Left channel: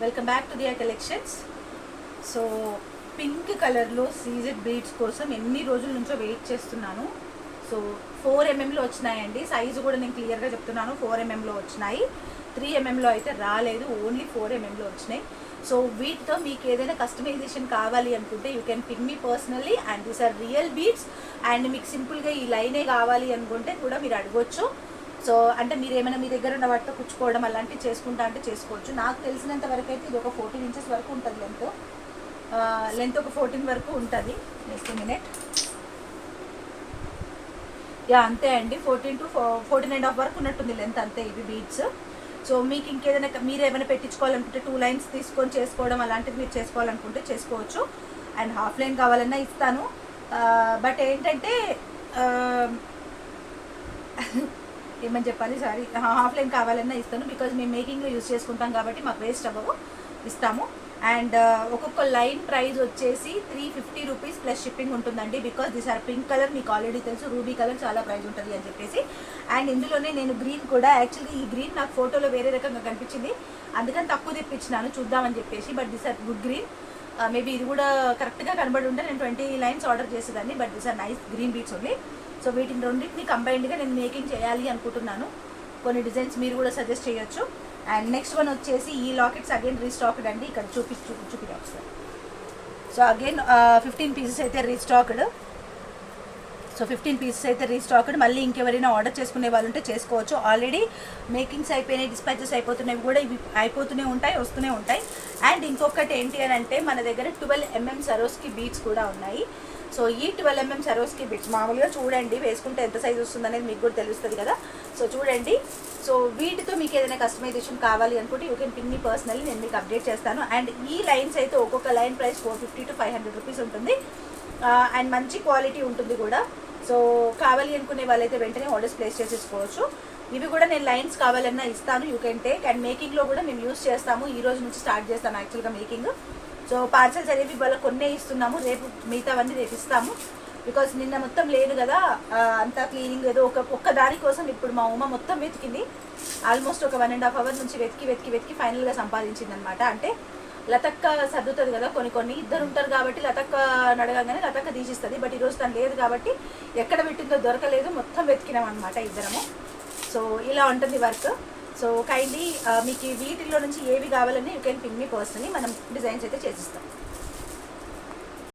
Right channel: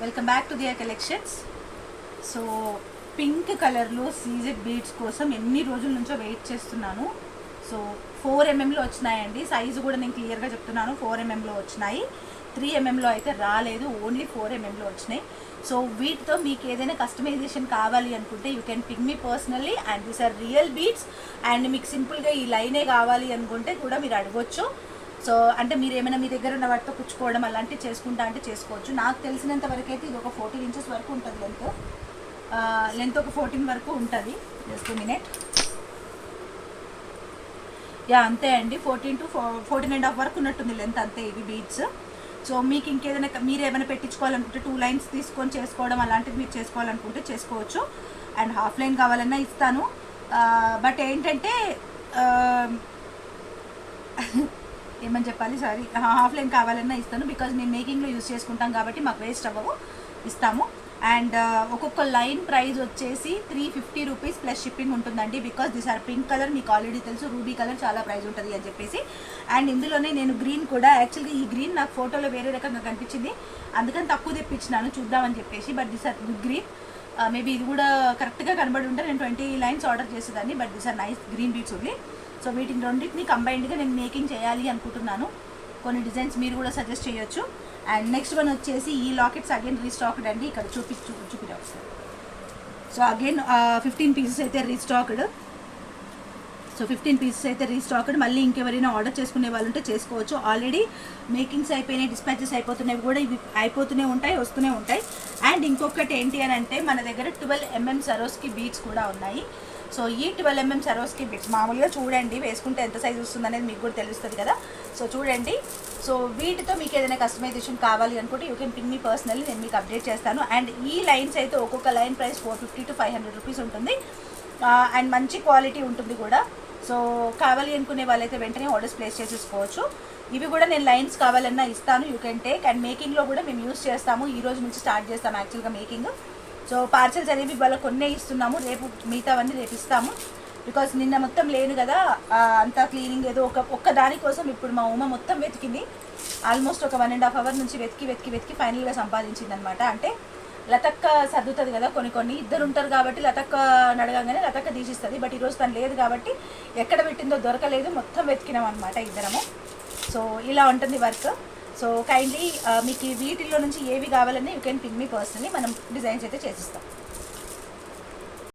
Welcome back to their collections. So pink కలర్లో CZ beads కోసం ఎన్ని రోజుల నుంచో వెయిట్ చేస్తున్నాను. సో 4 mm వచ్చినాయండి. సైజు కూడా నేను క్లియర్గా చెప్తున్నాను, 4 mm వచ్చినాయి. 3 mm అయితే రాలేదు, ఓన్లీ 4 mm వచ్చినాయి. సో వీటితో మీకు ఏదైనా కస్టమైజేషన్ కావాలి అనుకుంటే you can pick me personally, and these are real beads. And మీకు సింపుల్గా ఈ లైనే కావాలి అనుకుంటే కూడా మీరు అడగొచ్చు. సో అంటే మీరు ఏమైనా మీ దగ్గర ఉన్న వాటితో పుచ్చుకోవడం అలాంటివి చేసుకుంటా అంటే చేసుకోవచ్చు. నాకు తెలిసినంత వరకు అయితే ఇది ఒక 14 inches వరకు ఉంటుంది లెంత్ ఒక 14 వరకు ఉంటుంది. Just minute. యా అంతే అండి, 14 to 14.5 వరకు ఉన్నట్టుంది లెంత్, అంతే ఇవి బీడ్స్. సో మీకు ఇంకేదైనా మీరు ఏమైనా పెట్టించుకోవాలనుకుంటే 2 lines తీసుకొని చేసుకోవడం అలాంటివి మీరు చేసుకోవాలనుకుంటే చేసుకోవచ్చు. అండ్ హాఫ్ లైన్ కావాలన్నా ఇస్తాను. బట్ ఏంటంటే ఏమని చెప్పాలి, సారీ, హాఫ్ లైన్ కావాలన్నా ఇస్తాను. బికాజ్ మేము మేకింగ్లో యూజ్ చేసుకుంటాం కాబట్టి మాకు వేస్ట్ అవ్వవు, ఇస్తాము. అండ్ ఒక్కొక్క లైన్ ప్రైస్ వచ్చేసి 350 రూపీస్ ప్లస్ షిప్పింగ్ ఉంటుందండి. Because this are pink colour, మీకు ఆల్రెడీ తెలుసు రూబీ కలర్ చాలా ప్రైస్ ఉంటుంది అని చెప్పేసి. అండ్ ఇందులోనే నేను గ్రీన్ కూడా, యాక్చువల్గా ఈ గ్రీన్ నాకు ఫోటోలో వేరే రకంగా కనిపించింది, అందుకని తక్కువ తెప్పించినాను చూద్దామని చెప్పేసి. But this are good green. Maybe ఇది కూడా కరెక్ట్గా కనబడి ఉంటే నేను 20 lines ఆర్డర్ చేసేదాన్ని. But this are nice green beads only. So వీటిని రెండింటిని కంబైన్డ్గా నేను మేకింగ్ చేయాలి అనుకుంటున్నాను. కొన్ని డిజైన్స్ మీరు కూడా సజెస్ట్ చేయొచ్చు. అండ్ నెక్స్ట్ వన్ వచ్చేసి ఈ లాకెట్స్ అగైన్ రీస్టాక్డ్ అండి. ఇక్కడ చూపిదా ఒకసారి. సో అగైన్ 15 pieces అయితే రీస్టాక్డ్. సో 15 pieces అయితే రీస్టాక్డ్. మళ్ళీ ఇంకెవరైనా ఆర్డర్ చేసుకునే వాళ్ళు ఉంటే చేసుకోవచ్చు. ఆల్రెడీ మేకింగ్స్ అయిపోయినాయి, డిస్పాచెస్ అయిపోతున్నాయి కూడా, ఇవి అయిపోతూనే ఉంటాయి, వస్తూనే ఉంటాయి. అండ్ ఇంకొకటి ఏంటి అని అంటే మన దగ్గర 12 mm సరోస్కి బీడ్స్ కూడా ఉన్నాయి. సో ఈ 12 mm సరోస్కి బీడ్స్ మామూలుగా చూడండి, వేసుకుంటే ఎంత సైజ్ వస్తుంది అనేది మీకు కూడా తెలుస్తుంది కదా. సో చూడండి. సో వీటితో మీకు ఏదైనా కస్టమైజేషన్ కావాలి అనుకుంటే you can pin me personally, నేను మీకు అప్డేట్ చేస్తాను. అండ్ ఈ లైన్స్ అయితే ఒక్కొక్క లైన్ ప్రైస్ 450 to 500 రూపీస్ ఉంటుంది. అండ్ మంచి క్వాలిటీ ఉంటుంది కూడా. సో కావాలి అనుకునే వాళ్ళైతే వెంటనే ఆర్డర్స్ ప్లేస్ చేసేసుకోవచ్చు. ఇవి కూడా నేను లైన్స్ కావాలన్నా ఇస్తాను, యూ కెన్ టేక్. అండ్ మేకింగ్లో కూడా మేము యూస్ చేస్తాము. ఈ రోజు నుంచి స్టార్ట్ చేస్తాము యాక్చువల్గా మేకింగ్. సో పార్సల్స్ అనేవి ఇవాళ కొన్నే ఇస్తున్నాము, రేపు మిగతావన్నీ రేపు ఇస్తాము. బికాస్ నిన్న మొత్తం లేదు కదా, అంతా క్లీనింగ్ ఏదో ఒక్క దానికోసం ఇప్పుడు మా ఉమ మొత్తం వెతికింది. ఆల్మోస్ట్ ఒక 1.5 hours నుంచి వెతికి ఫైనల్గా సంపాదించింది అనమాట. అంటే లతక్క సర్దుతుంది కదా, కొన్ని ఇద్దరు ఉంటారు కాబట్టి లతక్క నడగానే లతక్క తీసిస్తుంది. బట్ ఈరోజు తను లేదు కాబట్టి ఎక్కడ పెట్టిందో దొరకలేదు, మొత్తం వెతికినాం అనమాట ఇద్దరము. సో ఇలా ఉంటుంది వర్క్. సో కైండ్లీ మీకు వీటిల్లో నుంచి ఏవి కావాలని you can pin me personally, మనం డిజైన్స్ అయితే చేసిస్తాం.